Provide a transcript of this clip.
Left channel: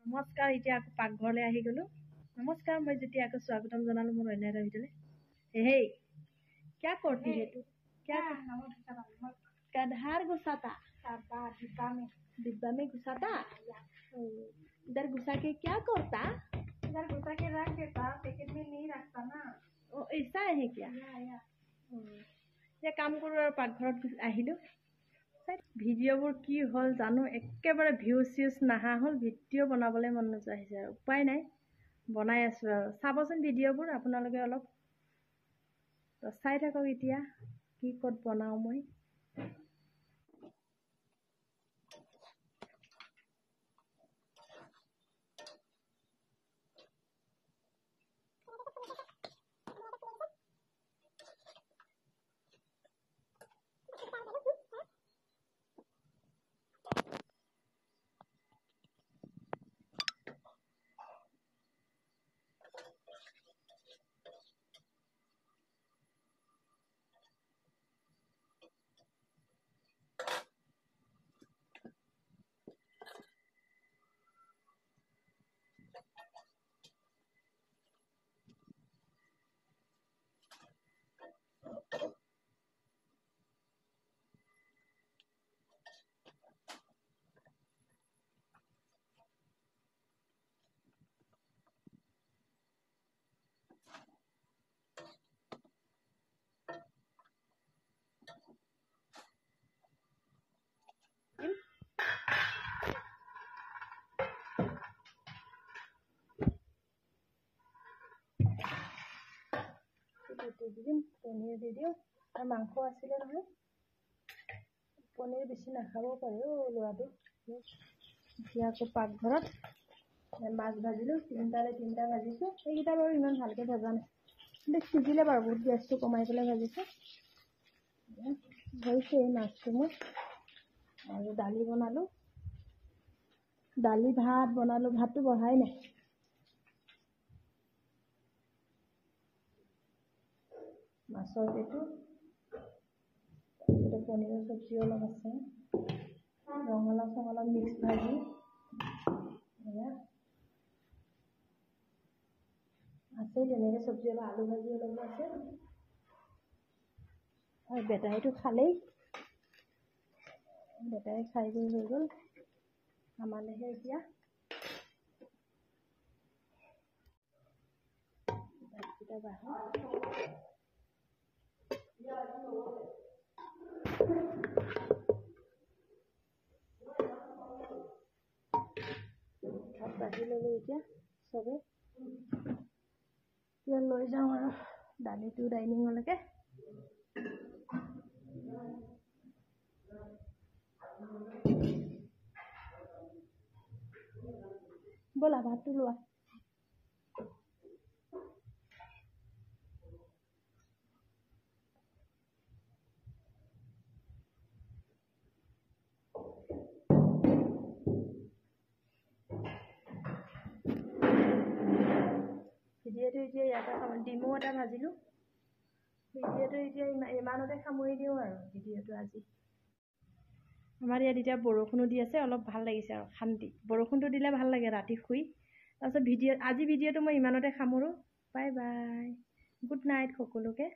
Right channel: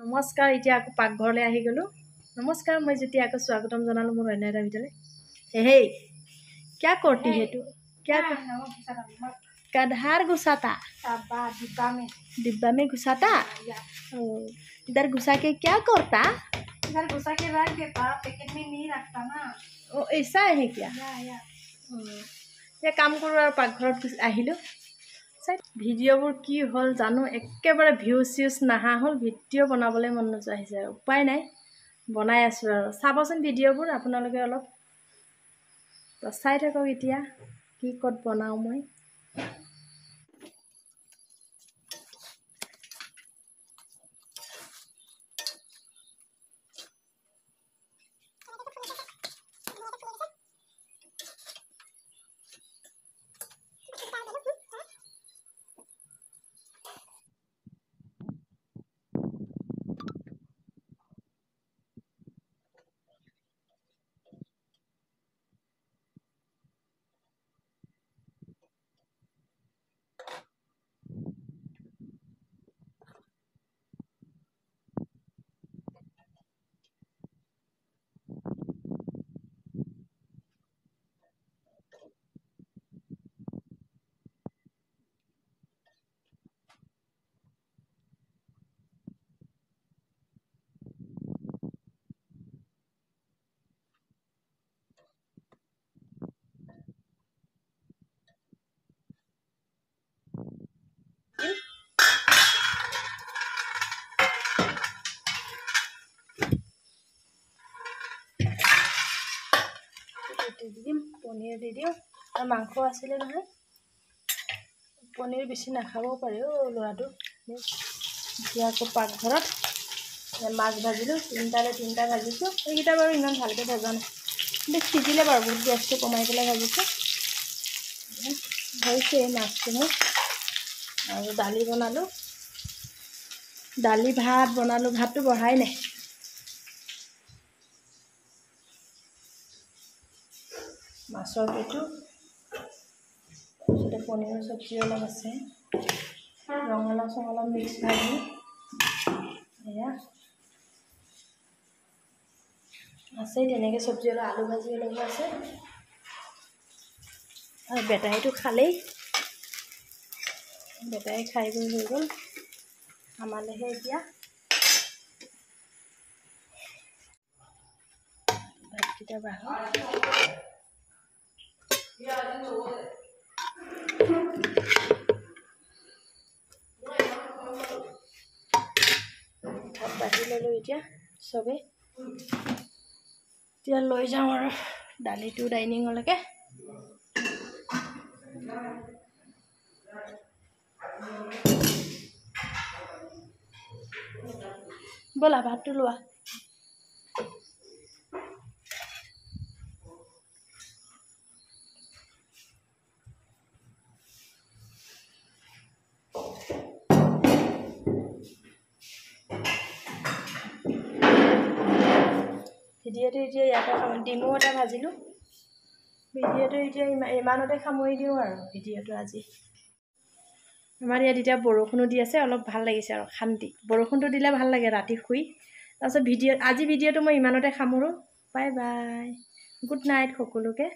नमस्कार इतना आको पाकघर आहि गलो नमस्कार मैं जी आको स्वागतम जनालो मोर अन्य एटा भितर हे क्या करती है तू क्या कधार घुसाता डिब्बा में घुसाता इधर घुसा के क्या करता इधर घुसा के रख देता पैकेट में नहीं रखता ना ओ ऐसा है क्या या काम करो पाकघर आहिलो ভিডিঅ'বোৰ কি হ'ল জানো একেবাৰে ভিউজ চিউজ নাহা হ'ল ভিডিঅ' বনাবলৈ মন নোযোৱা হৈছে উপায় নাই বনাই আছোঁ আৰু চাবচোন ভিডিঅ'বোৰ আপোনালোকে অলপ চাই থাকক এতিয়া কি ক'ত বনাওঁ মই দিম পনীৰ দি দিওঁ আৰু মাংস আছিলে নহয় পনীৰ বেছি নাখাবও পাৰে ল'ৰাটো এতিয়া আকৌ পাকঘৰত মাছ ভাজিলোঁ তিনিটা ভাজিছোঁ এইকেইটা বাৰু ইমান ভালকৈ ভজা নাই কিন্তু সিজিলে বাৰু বহুত গেছটো কমাই পেলাই ভাজিছোঁ হৈছে মাছটো মোৰ আৰু দালি বনালোঁ দালি ভাত বনালোঁ ভাতটো বঢ়াই নাই মাছৰ পেটু তাৰপিছতে পনীৰৰ চব্জি অলপ আছে ৰঙালাও চঙালাও মিক্স ভাজি এয়া আছে তেনেকৈ চব্জি অলপ আলু ভাজি অলপ আছে আৰু বেটাইটো খালেই বেটাই খাই বৈ হৈ গ'ল আমালৈহে এতিয়া ভাতকেইটা বাঢ়ক ভাত বাঢ়ি ল'লোঁ এতিয়া চবেই এতিয়া লৈ যাওঁ আৰু দালিটো ডাইনিঙলৈকে ব'লা ভাতটো লোৱা ভিডিঅ'টো এতিয়া ইয়াতে ডিমো এটা ভাজিলোঁ ভিডিঅ'টো এতিয়া ইমানতে সামৰি দিওঁ আৰু ভিডিঅ'টো আজি আমাৰ ইয়াত এতিয়া বৰষুণো দি আছে অলপ ভাল লাগিছে আৰু শান্তি বৰষুণটো দিলে ভাল লাগে ৰাতি শুই তাৰপিছত আজি ভিডিঅ'টো মই ইমানতে সামৰোঁ বাই বাই গুড নাইট সকলোকে